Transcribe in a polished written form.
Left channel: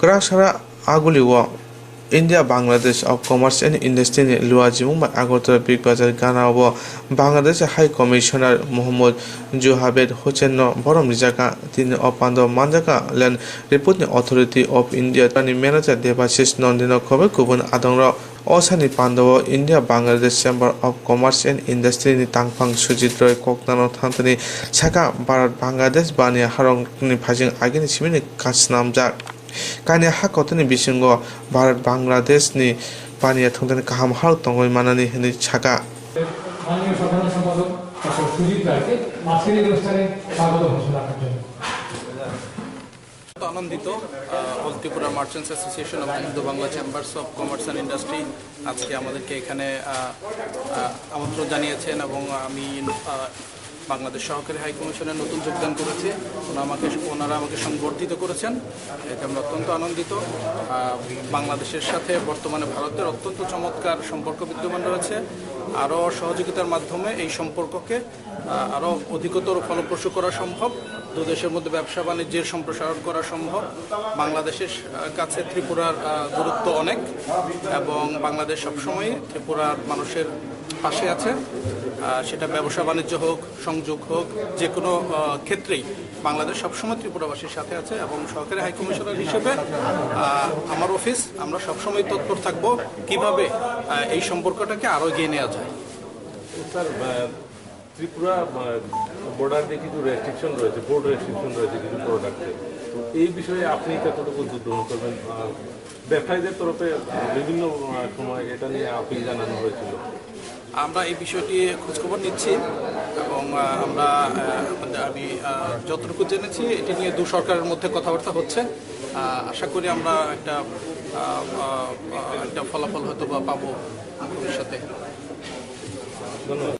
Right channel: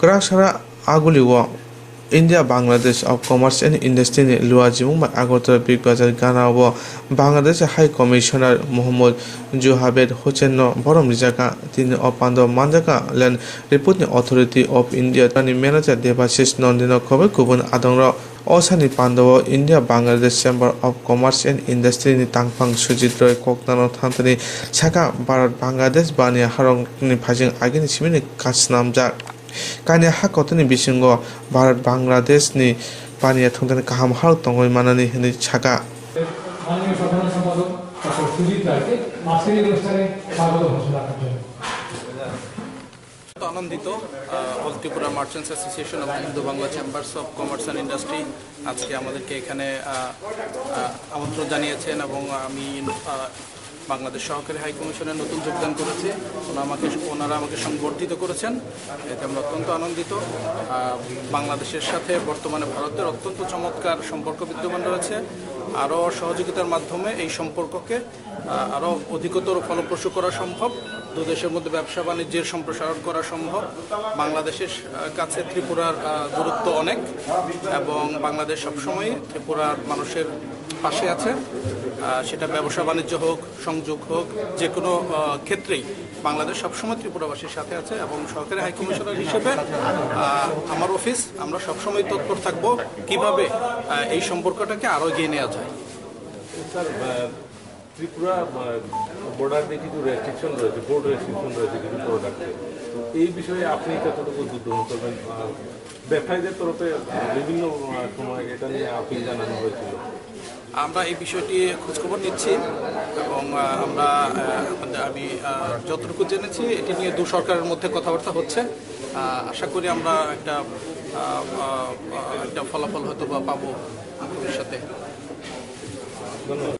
Krakshara Aguliwa India Bangladesh of Commerce and Industry Luajimung Agotara Big Bazar Ghana Bangladesh High Commissioner Muhammad Juhabed Hochenno Borom Rijaka Tin Opando Manjaka Land Reporting Authority of India Tani Manager Debasis Nondino Kobe Kubun Adongra Osani Pandawa India Bangladesh Chamber of Commerce and Industry ni Tangpang Sujidroy Koknano Thantani Saka Bharat Bangladesh Bania Harong ni Phajing Agini Simini Kasnamjak Kanya Hakotani Bishingo Bharat Bangladesh ni Bania Thongni Kaham Halok Tongni Manani Hini Chaka আনন্দিত all Tripura merchants association এবং Indo Bangla chambers of commerce and industry আজকে আমাদেরকে এখানে আমন্ত্রণ জানিয়েছেন এবং আমি বাংলাদেশ সহকারী হাই কমিশনের নতুন যোগদান করেছি ওনারা আমাকে সংবর্ধিত করেছেন এতে আমরা অত্যন্ত আনন্দিত বাংলাদেশের সাথে বর্তমানে ভারতের অত্যন্ত চমৎকার সম্পর্ক বিদ্যমান রয়েছে আরও সহযোগিতার মাধ্যমে এই সম্পর্ককে আরও অধিকতর ফলপ্রসূ করা সম্ভব দু দেশের মধ্যে ব্যবসা বাণিজ্যের সম্প্রসারণ করা সম্ভব বাংলাদেশের কাছে ত্রিপুরার গুরুত্ব অনেক এবং বাংলাদেশ সবসময় ত্রিপুরার মানুষের পাশে আছে সেটা ব্যবসা বাণিজ্য হোক সংযোগ হোক যে কোনো ক্ষেত্রেই বাংলাদেশ সবসময় ত্রিপুরাবাসীর সাথে আছে এবং সরকারি হাই কমিশনার হিসেবে আমার অফিস আমরা সবসময় তৎপর থাকব কিভাবে এই সম্পর্কটাকে আরও এগিয়ে নেওয়া যায় স্যার ত্রিপুরা বর্ডার দিয়ে কিছু রেস্ট্রিকশন রয়েছে বোর্ড রেস্ট্রিকশন রয়েছে কিছু প্রোডাক্টে তো এই বিষয়ে আপনি কতটুকু উদ্যোগ গ্রহণ করবেন ব্যবসায়ীদের তরফে বিভিন্ন সময় এটা নিয়ে আপিল জানানো হয়েছিল আমরা এই বিষয়টি খোঁজখবর নিচ্ছি এবং আমি যতটুকু জেনেছি এটি নিয়ে দু সরকারের মধ্যে কথাবার্তা হচ্ছে আশা করি আমরা একটা ফলাফল হয়তো বা পাবো ভবিষ্যতে। ধন্যবাদ।